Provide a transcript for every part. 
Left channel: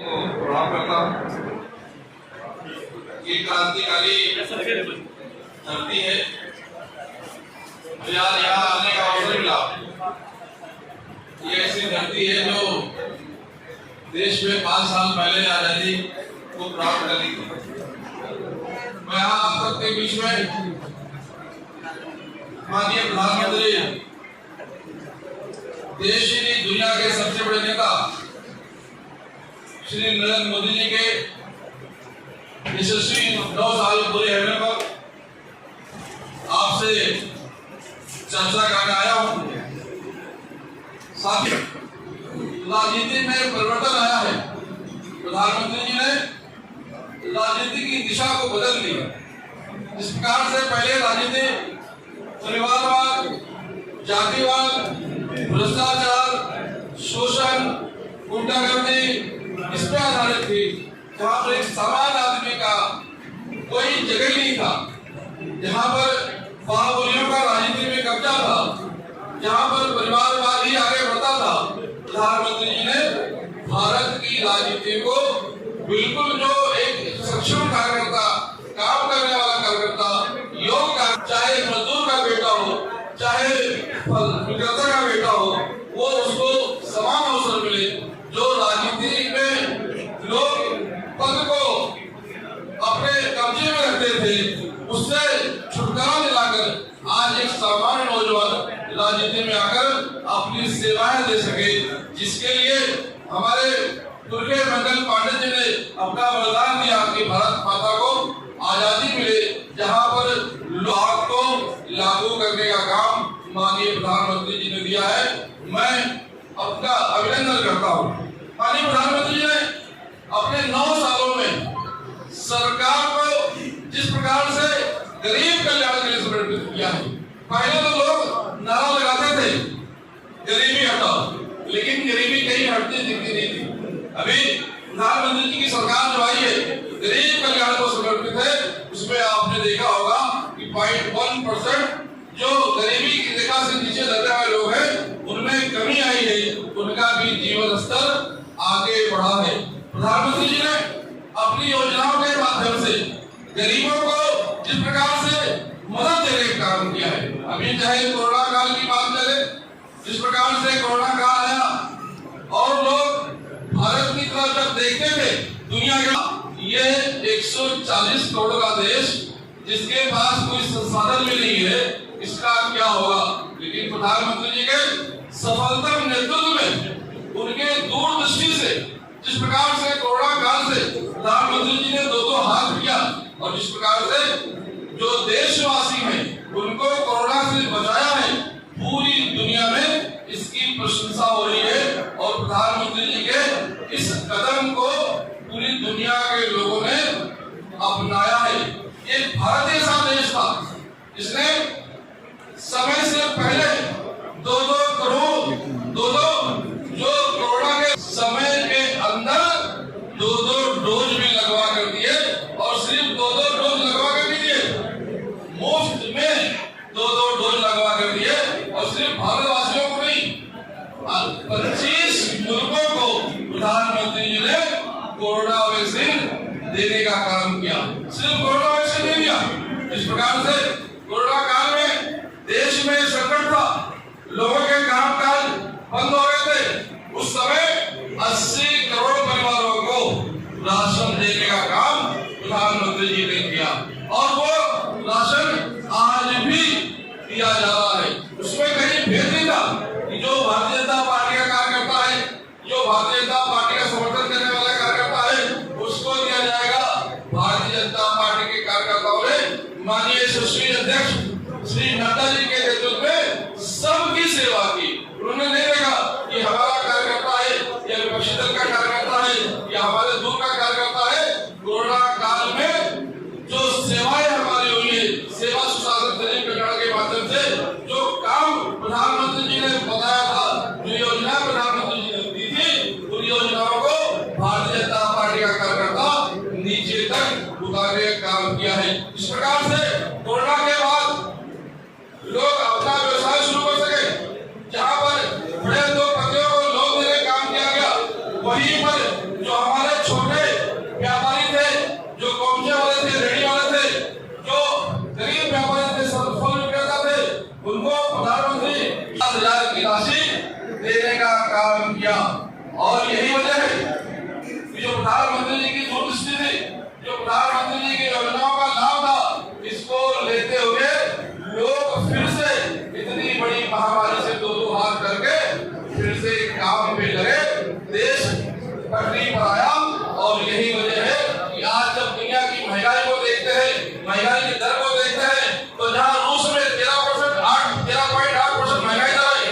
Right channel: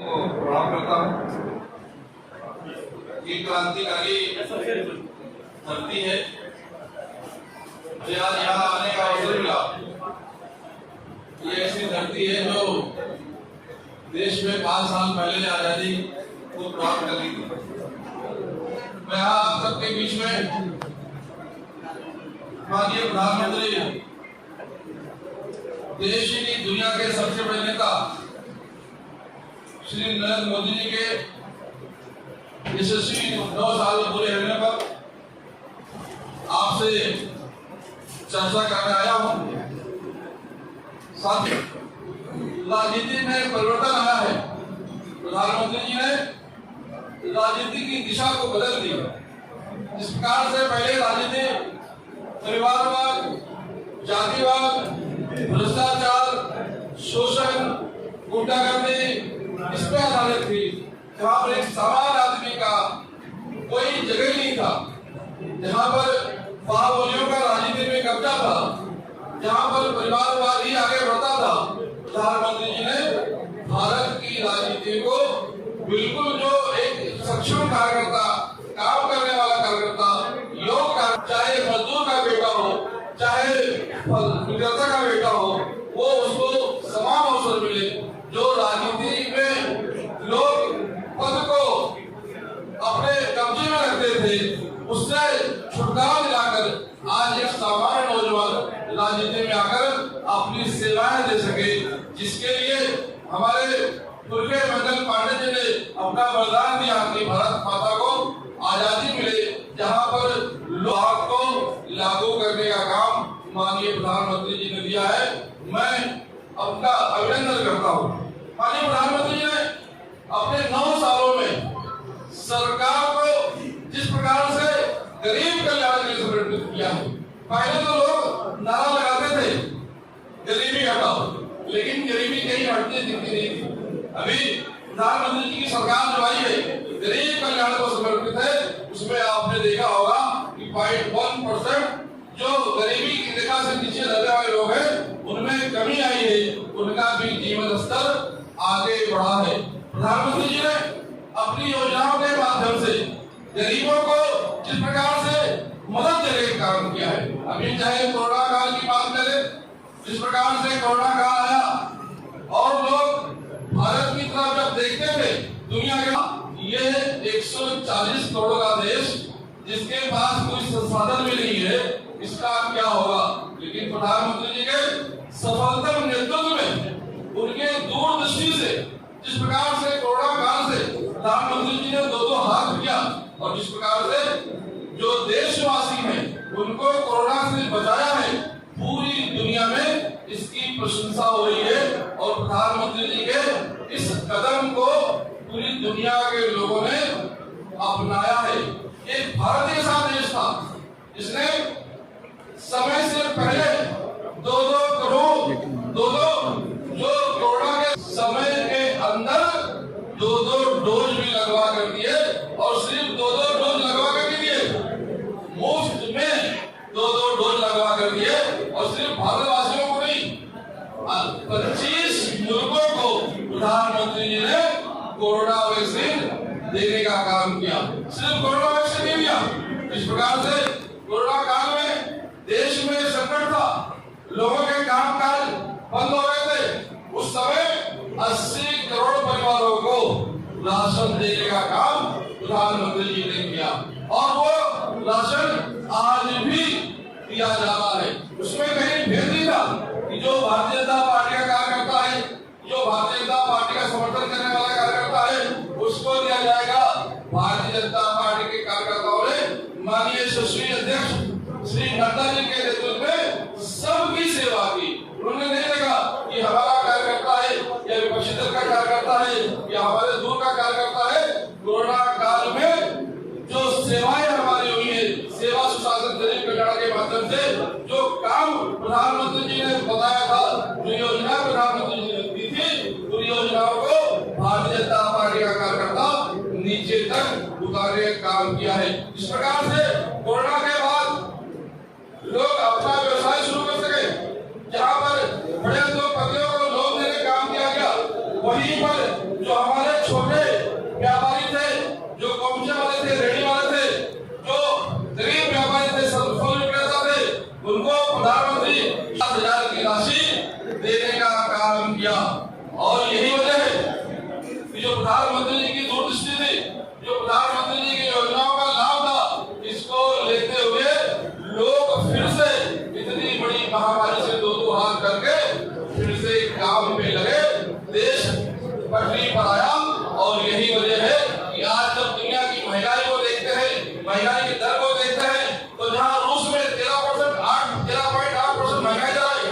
प्रणाम करता हूँ। ये क्रांतिकारी धरती है, मुझे आज यहाँ आने का अवसर मिला। ये ऐसी धरती है जो देश में 5 साल पहले आजादी को प्राप्त कर ली थी। मैं यहाँ आप सबके बीच में माननीय प्रधानमंत्री, देश की दुनिया के सबसे बड़े नेता श्री नरेंद्र मोदी जी के यशस्वी 9 साल पूरे होने पर आपसे चर्चा करने आया हूँ। साथियों, राजनीति में परिवर्तन आया है। प्रधानमंत्री जी ने राजनीति की दिशा को बदल दी। जिस प्रकार से पहले राजनीति परिवारवाद, जातिवाद, भ्रष्टाचार, शोषण, गुंडागर्दी इस पे आधारित थी, जहाँ पर एक सामान्य आदमी का कोई जगह नहीं था, जहाँ पर बाहुबलियों का राजनीति में कब्जा था, जहाँ पर परिवारवाद ही आगे बढ़ता था। प्रधानमंत्री जी ने भारत की राजनीति को बिल्कुल जो एक सक्षम कार्यकर्ता, काम करने वाला कार्यकर्ता, योग, चाहे मजदूर का बेटा हो, चाहे विक्रेता का बेटा हो, वो उसको समान अवसर मिले। जो राजनीति में लोग पद को अपने कब्जे में रखते थे, उससे छुटकारा दिलाकर आज एक सामान्य नौजवान राजनीति में आकर अपनी सेवाएं दे सके, जिसके लिए हमारे दुर्गे मंडल पांडे जी ने अपना वरदान दिया कि भारत माता को आजादी मिले, जहां पर लोग को लागू करने का काम माननीय प्रधानमंत्री जी ने दिया है। मैं अपना अभिनंदन करता हूँ। माननीय प्रधानमंत्री जी ने अपने 9 सालों में सरकार को जिस प्रकार से गरीब कल्याण के लिए समर्पित किया है। पहले तो लोग नारा लगाते थे गरीबी हटाओ, लेकिन गरीबी कहीं हटती दिखती नहीं थी। अभी प्रधानमंत्री जी की सरकार जो आई है, गरीब कल्याण को समर्पित है। उसमें आपने देखा होगा कि 0.1% जो गरीबी की रेखा से नीचे रहने वाले लोग हैं, उनमें कमी आई है, उनका भी जीवन स्तर आगे बढ़ा है। प्रधानमंत्री जी ने अपनी योजनाओं के माध्यम से गरीबों को जिस प्रकार से मदद देने का काम किया है। अभी चाहे कोरोना काल की बात करें, जिस प्रकार से कोरोना काल आया और लोग भारत की तरफ जब देखते थे, दुनिया के ये 140 करोड़ का देश, जिसके पास कोई संसाधन भी नहीं है, इसका क्या होगा। लेकिन प्रधानमंत्री जी के सफलतम नेतृत्व में, उनके दूरदृष्टि से, जिस प्रकार से कोरोना काल से प्रधानमंत्री जी ने 2 हाथ किया और जिस प्रकार से जो देशवासी हैं उनको कोरोना से बचाया है, पूरी दुनिया में इसकी प्रशंसा हो रही है। और प्रधानमंत्री जी के इस कदम को पूरी दुनिया के लोगों ने अपनाया है। एक भारत ऐसा देश था जिसने समय से पहले 2-2 करोड़ जो कोरोना के समय के अंदर 2-2 डोज भी लगवा कर दिए, और सिर्फ 2-2 डोज लगवा कर दिए, मुफ्त में 2-2 डोज लगवा कर दिए। और सिर्फ भारतवासियों को नहीं, 25 मुल्कों को प्रधानमंत्री जी ने कोरोना वैक्सीन देने का काम किया। सिर्फ कोरोना वैक्सीन नहीं दिया, इस प्रकार से कोरोना काल में देश में संकट था, लोगों के कामकाज बंद हो गए थे, उस समय 80 करोड़ परिवारों को राशन देने का काम प्रधानमंत्री जी ने किया, और वो राशन आज भी दिया जा रहा है। उसमें कहीं भेद नहीं था कि जो भारतीय जनता पार्टी का कार्यकर्ता है, जो भारतीय जनता पार्टी का समर्थन करने वाला कार्यकर्ता है, उसको दिया जाएगा। भारतीय जनता पार्टी के कार्यकर्ताओं ने माननीय यशस्वी अध्यक्ष श्री नड्डा जी के नेतृत्व में सबकी सेवा की। उन्होंने नहीं देखा कि हमारा कार्यकर्ता है या विपक्षी दल का कार्यकर्ता है या हमारे दूर का कार्यकर्ता है। कोरोना काल में जो सेवाएं हमारी हुई है, सेवा सुशासन गरीब कल्याण के माध्यम से जो काम प्रधानमंत्री जी ने बताया था, जो योजना प्रधानमंत्री जी ने दी थी, उन योजनाओं को भारतीय जनता पार्टी का कार्यकर्ता नीचे तक उतारने का काम किया है। इस प्रकार से कोरोना के बाद लोग अपना व्यवसाय शुरू कर सके। जहाँ पर बड़े उद्योगपतियों को लोन देने का काम किया गया, वहीं पर जो हमारे पर आया। और यही वजह है कि आज जब दुनिया की महंगाई को देखते हैं, महंगाई की दर को देखते हैं, तो जहां रूस में 13.8% महंगाई दर है,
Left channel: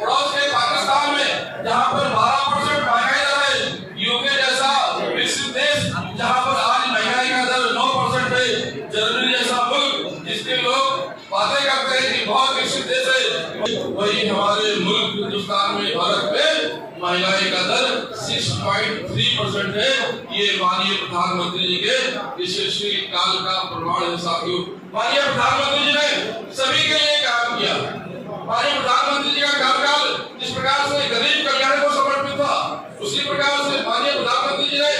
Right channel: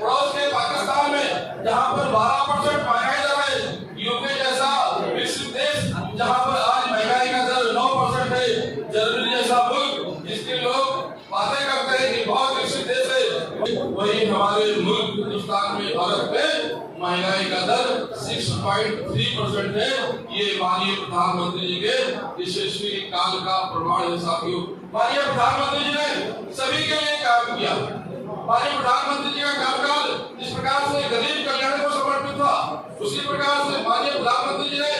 पड़ोस के पाकिस्तान में जहां पर 12% महंगाई दर है, यूके जैसा विकसित देश जहां पर आज महंगाई का दर 9% है, जर्मनी जैसा मुल्क जिसके लोग बातें करते हैं कि बहुत विकसित देश है, वही हमारे मुल्क हिंदुस्तान में, भारत में महंगाई का दर 6.3% है। ये माननीय प्रधानमंत्री जी के यशस्वी काल का प्रमाण है। साथियों, माननीय प्रधानमंत्री जी ने सभी के लिए काम किया। माननीय प्रधानमंत्री जी का कार्यकाल जिस प्रकार से गरीब कल्याण को समर्पित था, उसी प्रकार से माननीय प्रधानमंत्री जी ने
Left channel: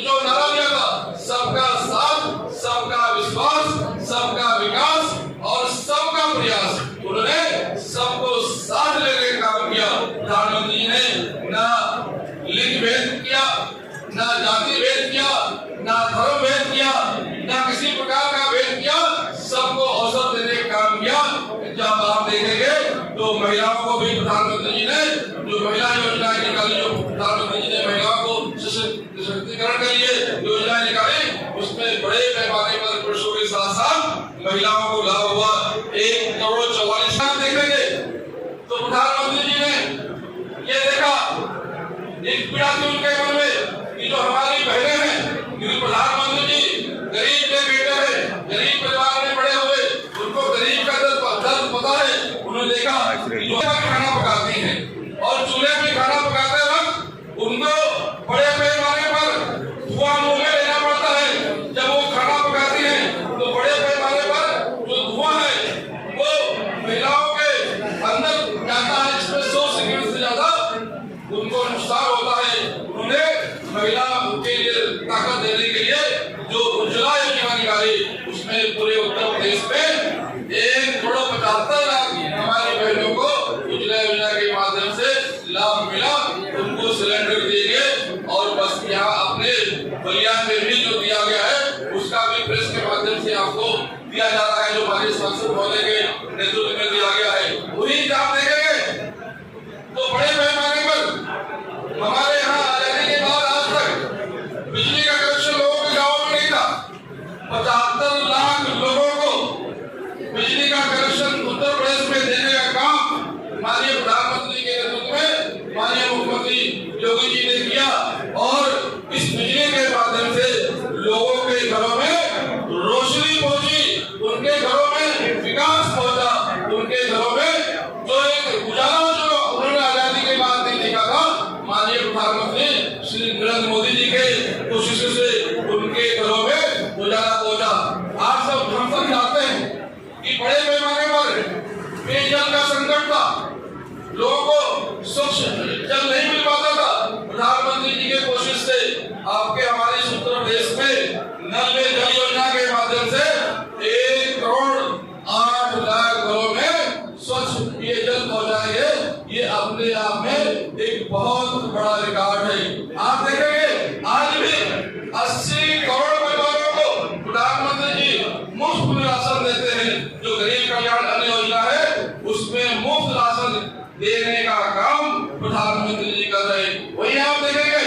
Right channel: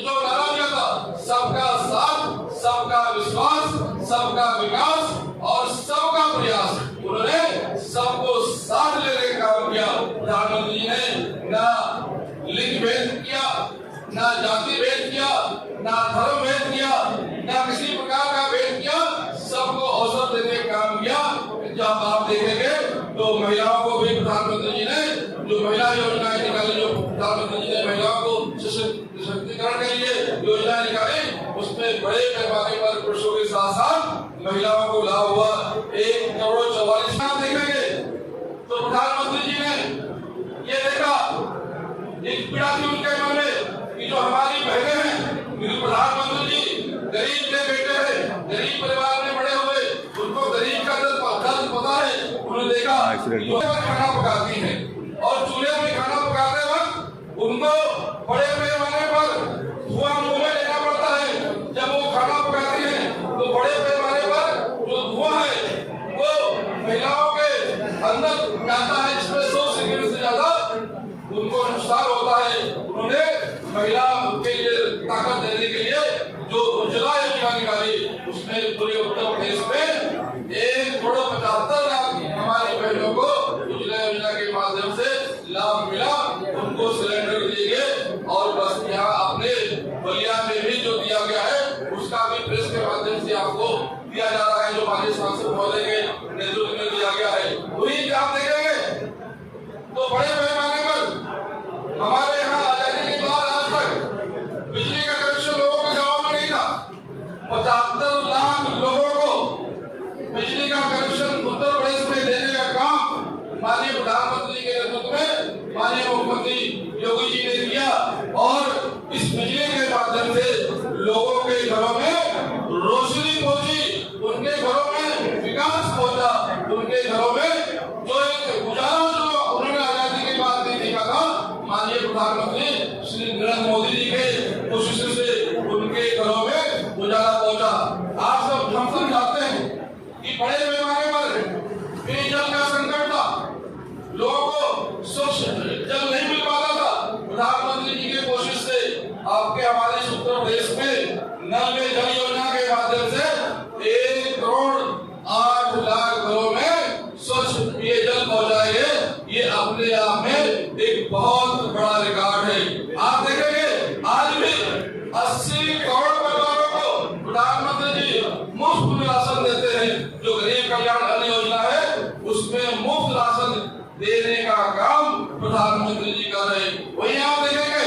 जो नारा दिया था, सबका साथ, सबका विश्वास, सबका विकास और सबका प्रयास, उन्होंने सबको साथ लेकर काम किया। प्रधानमंत्री जी ने ना लिंग भेद किया, ना जाति भेद किया, ना धर्म भेद किया, ना किसी प्रकार का भेद किया, सबको अवसर देने का काम किया। जब आप देखेंगे तो महिलाओं को भी प्रधानमंत्री जी ने जो महिला योजनाएं निकाली, जो प्रधानमंत्री जी ने महिलाओं को सशक्तिकरण के लिए योजनाएं निकाली, उसमें बड़े पैमाने पर पुरुषों के साथ साथ महिलाओं को लाभ हुआ। 1,44 करोड़ देखेंगे तो प्रधानमंत्री जी ने ये देखा, एक पीड़ा थी उनके मन में कि जो हमारी बहनें हैं, क्योंकि प्रधानमंत्री जी गरीब के बेटे हैं, गरीब परिवार में बड़े हुए, उनको गरीब का दर्द पता है। उन्होंने देखा कि जो खाना पकाती हैं और चूल्हे में खाना पकाते वक्त उनको बड़े पैमाने पर धुआं मुंह में लेना पड़ता है। जब वो खाना पकाती हैं तो बड़े पैमाने पर जो धुआं है वो महिलाओं के अंदर जाता है, जिसमें 100 सेकंड से ज्यादा उनको नुकसान होता है। उन्होंने महिला के लिए ताकत देने के लिए जो उज्ज्वला योजना निकाली, उसमें पूरे उत्तर प्रदेश में 1,75,00,000 हमारी बहनों को उज्ज्वला योजना के माध्यम से लाभ मिला, उनको सिलेंडर दिए गए। और बस यहाँ अपने बलियान में भी जो दिया गया है उसका भी प्रेस के माध्यम से आपको दिया जा रहा है, जो हमारे सांसद महोदय के नेतृत्व में दिया गया है। वही आप देखेंगे तो बड़े पैमाने पर हमारे यहाँ आजादी के बाद आज तक बिजली का कनेक्शन लोगों के गाँव में नहीं था। 75 लाख लोगों को बिजली का कनेक्शन उत्तर प्रदेश में देने का काम माननीय प्रधानमंत्री के नेतृत्व में माननीय मुख्यमंत्री योगी जी ने किया। और इस बिजली के माध्यम से लोगों के घरों में रोशनी पहुंची, उनके घरों में विकास पहुंचा, उनके घरों में जो एक उजाला जो उन्होंने आजादी के बाद नहीं देखा था, माननीय प्रधानमंत्री श्री नरेंद्र मोदी जी के कोशिशों से उनके घरों में उजाला पहुंचा। आप सब हम सब जानते हैं कि बड़े पैमाने पर पेयजल का संकट था, लोगों को स्वच्छ जल नहीं मिल पाता था। प्रधानमंत्री जी के कोशिश से आपके हमारे उत्तर प्रदेश में नल में जल योजना के माध्यम से 1,08,00,000 घरों में स्वच्छ पेयजल पहुंचाए है। ये अपने आप में एक बहुत बड़ा रिकॉर्ड है। आप देखेंगे आज भी 80 करोड़ परिवारों को प्रधानमंत्री जी मुफ्त राशन देते हैं। जो गरीब कल्याण अन्न योजना है उसमें मुफ्त राशन देने का काम प्रधानमंत्री जी कर रहे हैं। वही आप देखेंगे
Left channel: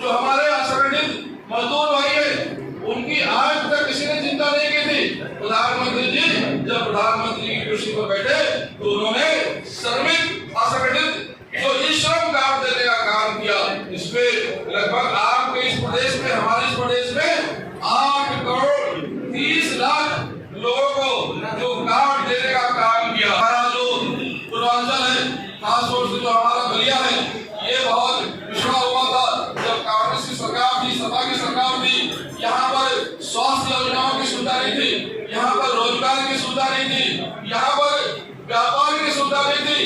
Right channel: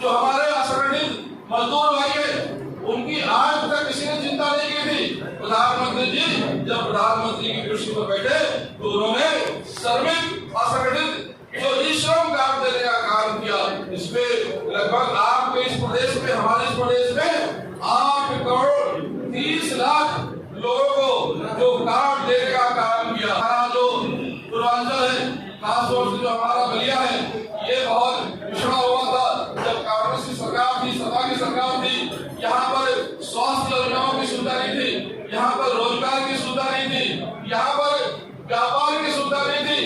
जो हमारे असंगठित मजदूर भाई हैं, उनकी आज तक किसी ने चिंता नहीं की थी। प्रधानमंत्री जी जब प्रधानमंत्री की कुर्सी पर बैठे तो उन्होंने श्रमिक असंगठित जो श्रम कार्ड देने का काम किया। इसमें लगभग आपके इस प्रदेश में, हमारे इस प्रदेश में 8,30,00,000 लोगों को जो कार्ड देने का काम किया। हमारा जो पूर्वांचल है, खासतौर से जो हमारा बलिया है, ये बहुत पिछड़ा हुआ था। जब कांग्रेस की सरकार थी, सपा की सरकार थी, यहाँ पर स्वास्थ्य योजनाओं की सुविधा नहीं थी, यहाँ पर रोजगार की सुविधा नहीं थी, यहाँ पर व्यापार की सुविधा नहीं थी।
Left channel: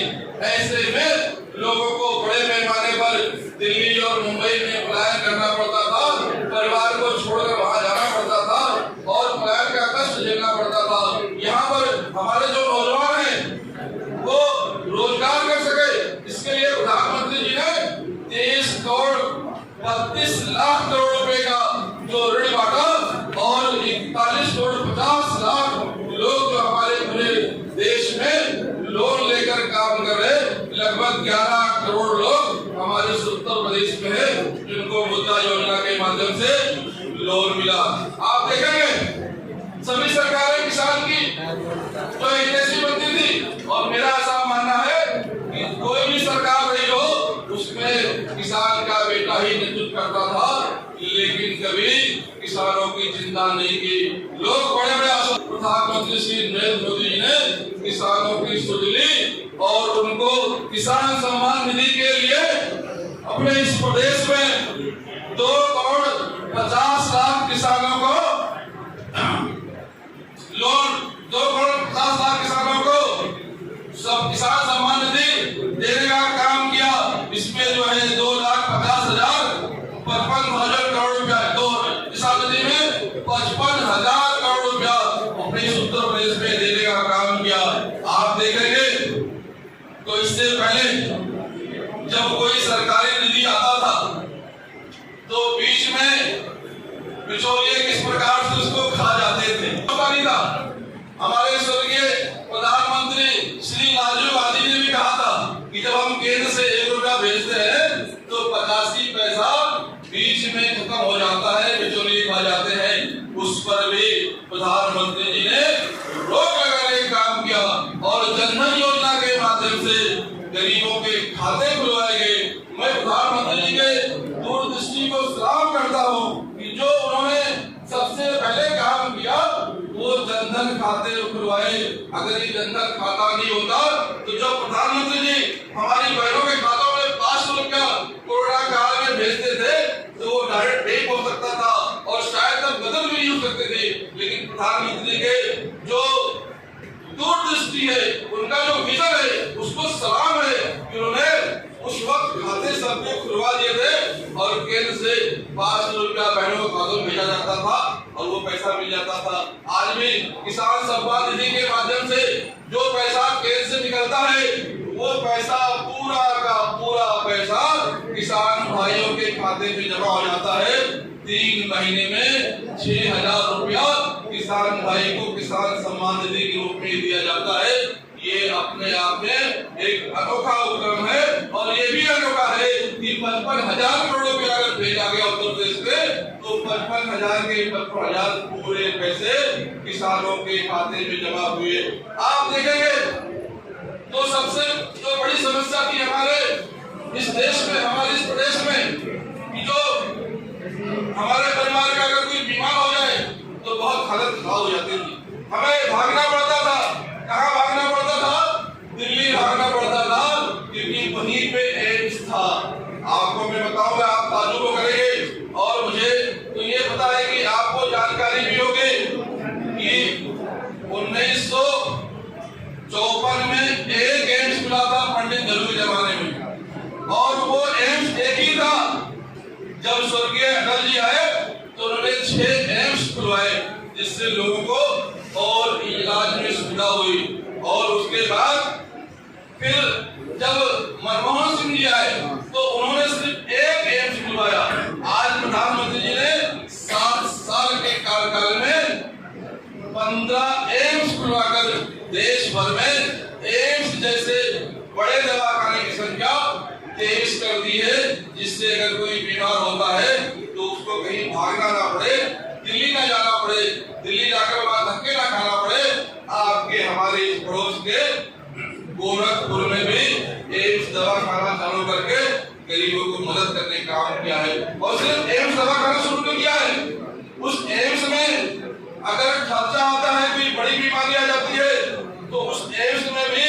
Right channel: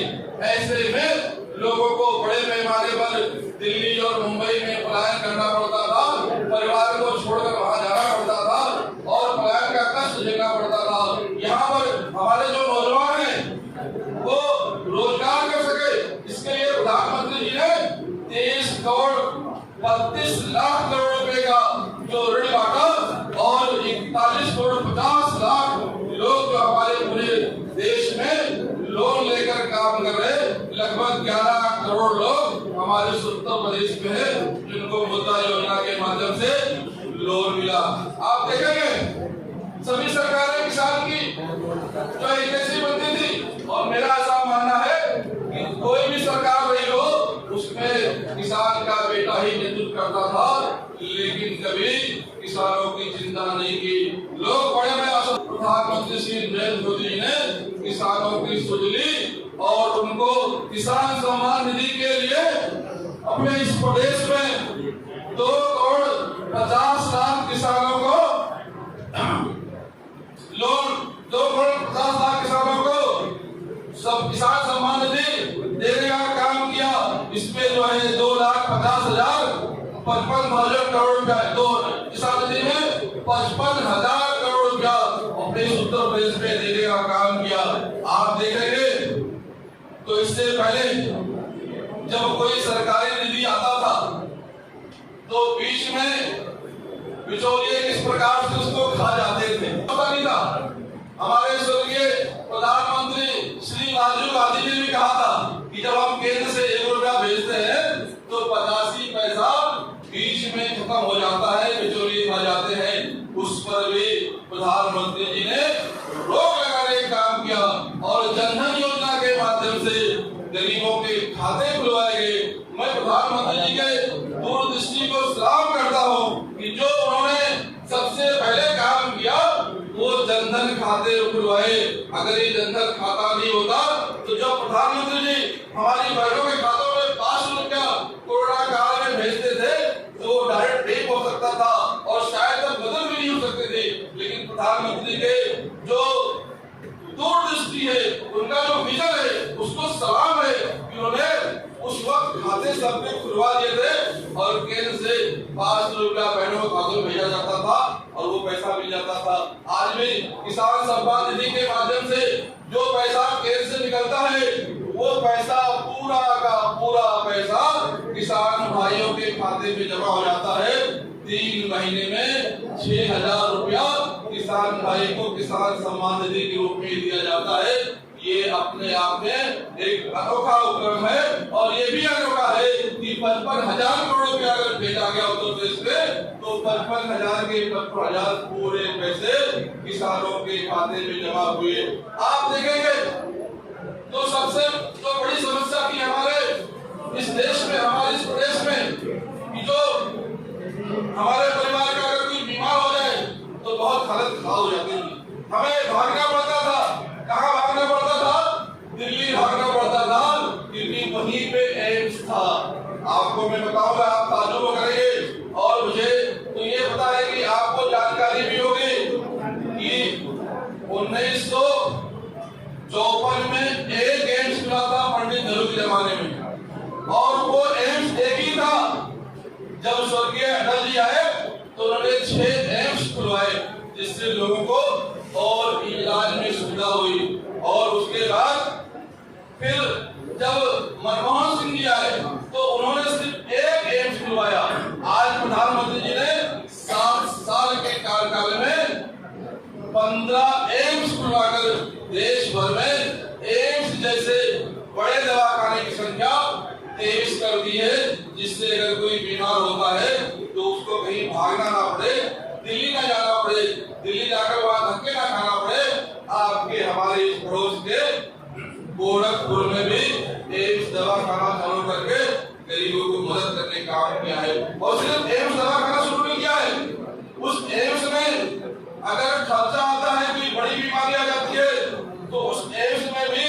ऐसे में लोगों को बड़े पैमाने पर दिल्ली और मुंबई में पलायन करना पड़ता था, परिवार को छोड़कर वहां जाना पड़ता था और पलायन का कष्ट झेलना पड़ता था। यहाँ पर हमारे जो नौजवान हैं वो रोजगार कर सके, इसके लिए प्रधानमंत्री जी ने 23,32,00,000 रुपए का जो ऋण बांटा और 41,50,00,000 लोग जो हमारे पूरे देश में लोन लेकर काम कर रहे, लगभग 11 करोड़ लोग हमारे उत्तर प्रदेश में है जिनको लोन मिला। आप देखेंगे सभी सरकारें किसान की जो हितैषी बनती थी, और मेरा ऐसा मानना है कि कोई भी सरकार रही हो उसमें किसान का बेटा ही नेतृत्व करता था, लेकिन कभी किसानों की चिंता नहीं की। लोग बड़े बड़े प्रधानमंत्री श्री नरेंद्र मोदी जी ने किसानों की सुध ली और उनको किसान सम्मान निधि के लिए अपने इस प्रदेश में 2,50,00,000 किसानों को लोन, 2,50,00,000 किसानों को सब किसान सम्मान निधि देने का काम किया। इसमें जो है 2,50,000 55,000 करोड़ रुपया, दो किसान निधि में 55,000 करोड़ रुपया अपने उत्तर प्रदेश में देने का काम किया। आप देखेंगे तो इससे पहले जब कोई सरकारी निधि आता था तो बीच में बिचौलिए किस प्रकार से उसको खा जाते थे, पता नहीं था। हमारे स्वर्गीय प्रधानमंत्री श्री राजीव गांधी ने भी कहा था कि जब हम केंद्र से 1 रुपया भेजते हैं तो 85 पैसा बीच में खत्म हो जाता है, बिचौलिए खा जाते हैं। उस पर भी प्रधानमंत्री जी ने रोक लगाने का काम किया और जनधन योजना के माध्यम से गरीबों के खाते खुलवाए गए। मैं प्रधानमंत्री जी के दूरदृष्टि को सलाम करता हूँ कि जो उन्होंने सबसे पहले काम किया वो जनधन खाते खुलवाए। अगर ये जनधन खाता नहीं होता तो जो प्रधानमंत्री जी हमारी बहनों के खातों में 500 रुपया कोरोना काल में भेजते थे तो वो डायरेक्ट पे हो सकता था और शायद तब बदल भी नहीं हो सकते थे। लेकिन प्रधानमंत्री के जो दूरदृष्टि है, उनका जो विजन है, उसको सलाम है कि उन्होंने उस वक्त खाते सबके खुलवा दिए थे और केंद्र से 500 रुपया बहनों के खातों में भेजा जाता था और वो पैसा मिल जाता था। आज भी किसान सम्मान निधि के माध्यम से जो पैसा केंद्र से निकलता है वो पैसा पूरा का पूरा पैसा किसान भाइयों के खाते में जमा हो जाता है। 3 महीने में 6,000 रुपया किसान भाई को किसान सम्मान निधि के रूप में दिया जाता है। ये अपने आप में एक अनोखा उपक्रम है और ये भी अनोखा है कि 55,000 करोड़ रुपया अगर भेजा गया उत्तर प्रदेश में तो 55,000 के 55,000 पूरे पैसे किसानों के खाते में जमा हुए। आप देखेंगे तो सबसे जो बड़ी समस्या थी हमारे इस देश में, हमारे इस प्रदेश में, कि जो हमारे परिवार का अगर कोई बीमार हो जाए तो बहुत हालत खराब हो जाती थी। हमें भागना पड़ता था। कहाँ भागना पड़ता था? दिल्ली भागना पड़ता था क्योंकि वहीं पे एम्स था। आपको मैं बताऊंगा, आप ताजुब करेंगे और मुझे तो ये पता है कि आपको जानकारी भी होगी कि 1954 में एक एम्स खुला था पंडित नेहरू के जमाने में और वो एम्स एक ही था। जब स्वर्गीय अटल जी आए तो उन्होंने 6 एम्स खुलवाए जिससे लोगों को और इलाज में सुविधा हुई। और उसके बाद फिर जब मनमोहन सिंह जी आए तो उन्होंने सिर्फ एक एम्स खुलवाया। आज प्रधानमंत्री जी ने 7 साल के कार्यकाल में 15 एम्स खुलवाकर देश भर में एम्स जैसे बड़े दवाखाने की संख्या 23 कर दी है, जिससे अगर कोई बीमार होता है तो उसको कहीं भागना ना पड़े, दिल्ली ना जाना पड़े, दिल्ली जाकर वहां धक्के ना खाना पड़े। आपके हमारे पड़ोस के गोरखपुर में भी एम्स दवाखाना चालू करके गरीबों को मदद करने का काम किया है। और सिर्फ एम्स दवाखाना शुरू नहीं किया है, उस एम्स में अगर खर्चा आता है, कोई बड़ी बीमारी आ जाती है तो उस एम्स में भी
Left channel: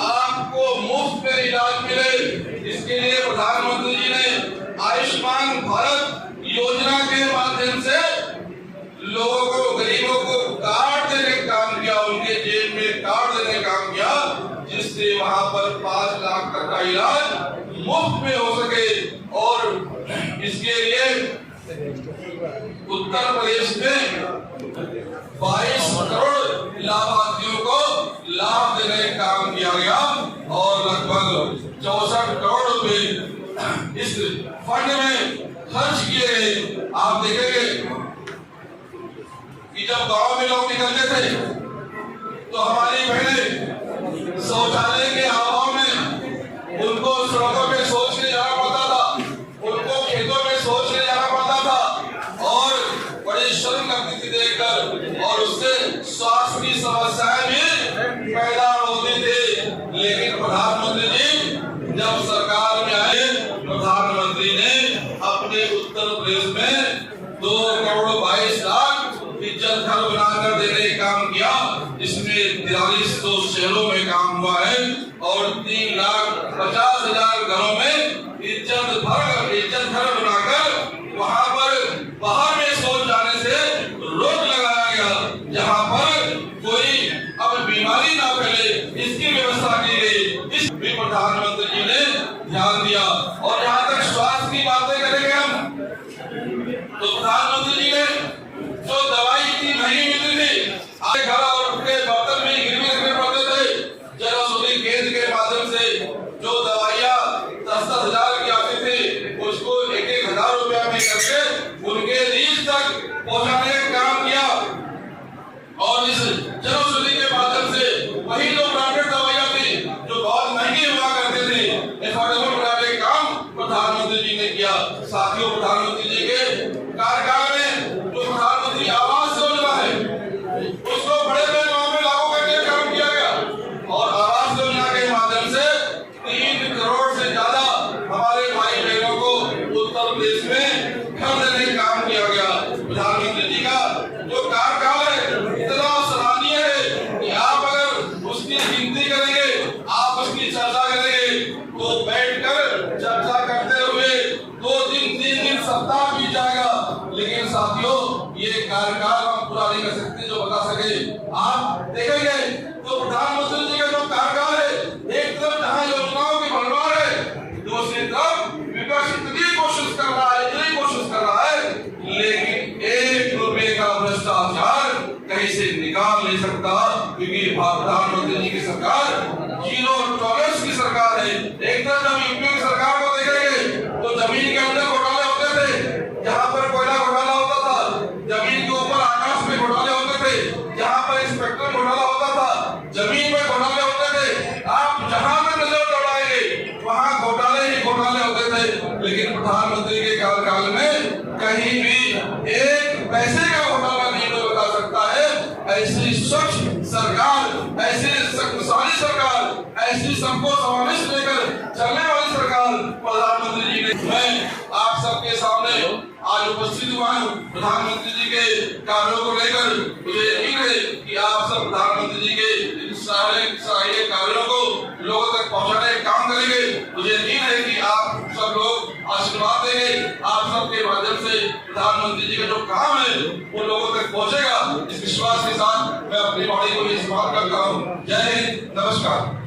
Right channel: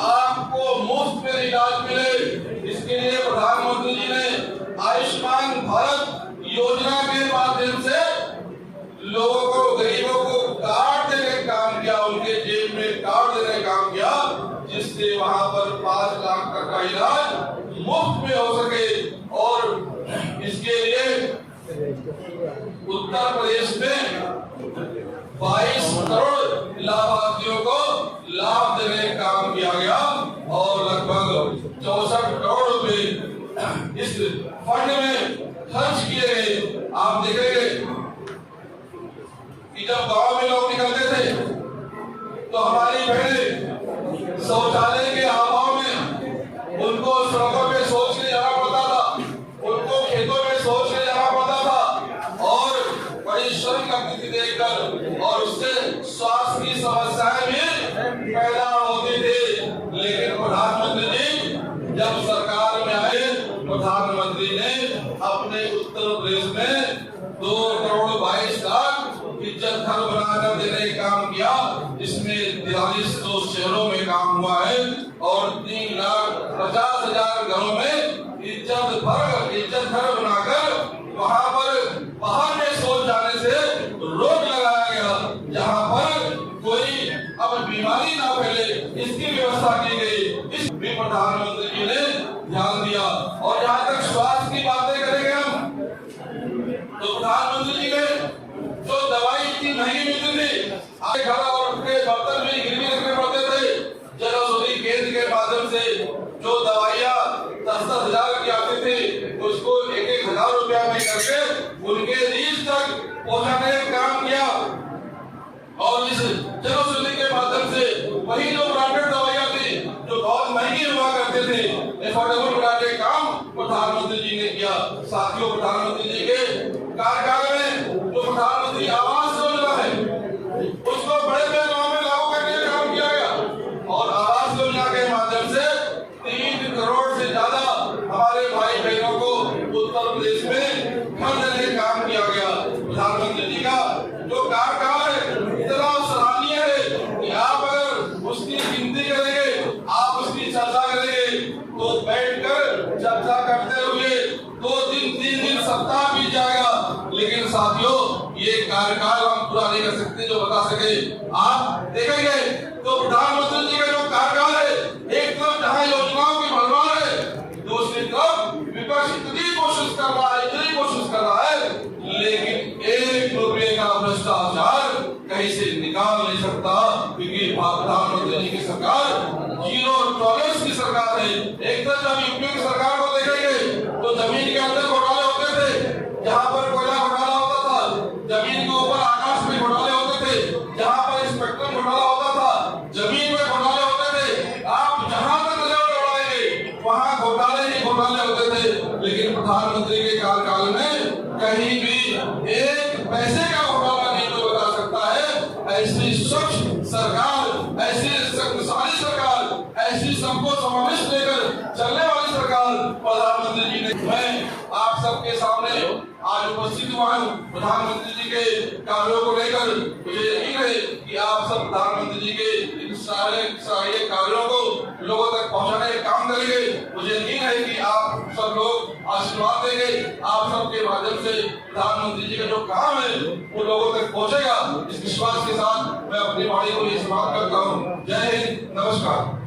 आपको मुफ्त में इलाज मिले। इसके लिए प्रधानमंत्री जी ने आयुष्मान भारत योजना के माध्यम से लोगों को, गरीबों को कार्ड देने का काम किया, उनके जेब में कार्ड देने का काम किया, जिससे वहां पर 5 लाख तक का इलाज मुफ्त में हो सके। और इसके लिए उत्तर प्रदेश में 22 करोड़ लाभार्थियों को लाभ देने का काम किया गया और लगभग 64 करोड़ रुपए इस फंड में खर्च किए गए। आप देखेंगे कि जब गांव में लोग निकलते थे तो हमारी बहनें शौचालय के अभाव में उनको सड़कों पे शौच के जाना पड़ता था, उनको खेतों में शौच के जाना पड़ता था और में 2,22,00,000 इज्जत घर बनाकर देने का काम किया। इसमें 4300 शहरों में काम हुआ है और 3,50,000 घरों में इज्जत घर बनाकर वहां पर बाहर में शौच जाने से रोक लगाया गया। जहां पर कोई अब बीमारी ना फैले इसकी व्यवस्था की गई। इस भी प्रधानमंत्री जी ने ध्यान दिया। और जहां तक स्वास्थ्य की बातें करेंगे हम, तो प्रधानमंत्री जी ने जो दवाई इतनी महंगी मिलती थी, आज घर और उनके बर्तन में गिरवी रखने पड़ते थे, जन औषधि केंद्र के माध्यम से जो दवाइयाँ 10,000 की आती थी उसको 1,000 रुपया में करके उनके रीच तक पहुंचाने का काम किया। और इस जन औषधि के माध्यम से वही जो ब्रांडेड दवाइयाँ थी जो बहुत महंगी हुआ करते थे, एफोर्डेबल बनाने का काम प्रधानमंत्री जी ने किया। साथियों, प्रधानमंत्री जी के कार्यकाल में जो प्रधानमंत्री आवास योजना है उसको बड़े पैमाने में लागू करने का काम किया गया। और आवास योजना के माध्यम से 3 करोड़ से ज्यादा हमारे भाई बहनों को उत्तर प्रदेश में घर देने का काम किया गया। प्रधानमंत्री जी का जो कार्यकाल है इतना सराहनीय है कि आप अगर उसकी गिनती करेंगे, आप उसकी चर्चा करेंगे तो बैठकर चर्चा करते हुए 2 दिन 3 दिन सप्ताह बीत जाएगा। लेकिन साथियों, ये कार्यकाल हम पूरा नहीं कर सकते जो बता सके। आप देखेंगे तो प्रधानमंत्री जी का जो कार्यकाल है, एक तरफ जहां योजनाओं की भरमार है, दूसरी तरफ विपक्ष इतनी कोशिश कर रहा है, लेकिन 1 रुपए का भ्रष्टाचार कहीं से निकाल नहीं सकता। क्योंकि प्रधानमंत्री जी की सरकार जीरो टॉलरेंस की सरकार है। एक तरफ जब यूपी की सरकार को देखेंगे तो जमीन के अंदर घोटाले होते थे, जहां पर कोयला घोटाला होता था, जमीन के ऊपर आकाश में घोटाले होते थे, जहां पर इंस्पेक्टर घोटाला होता था, जमीन में घोटाले होते थे। आप जहां पर नजर दौड़ाएंगे वहां घोटाले ही घोटाले होते थे। लेकिन प्रधानमंत्री के कार्यकाल में कहीं भी एक पैसे का घोटाला नहीं कोई बता सकता है। ऐसी स्वच्छ सरकार, ऐसी शक्तिशाली सरकार, ऐसी सबको समावेश लेकर चलने वाली सरकार प्रधानमंत्री जी ने। मैं आप सबके सामने आज उपस्थित हुआ हूँ प्रधानमंत्री जी के कार्यों को लेकर। मुझे यकीन है कि आप सब प्रधानमंत्री जी के सारे कार्यों को लोगों तक पहुंचाने का काम करेंगे। मुझे यकीन है कि आप सब लोग आशीर्वाद देंगे। आप सबके माध्यम से प्रधानमंत्री जी का जो काम है वो लोगों तक पहुंचेगा। इस विश्वास के साथ मैं अपनी वाणी को समाप्त करता हूँ। जय हिंद, नमस्कार।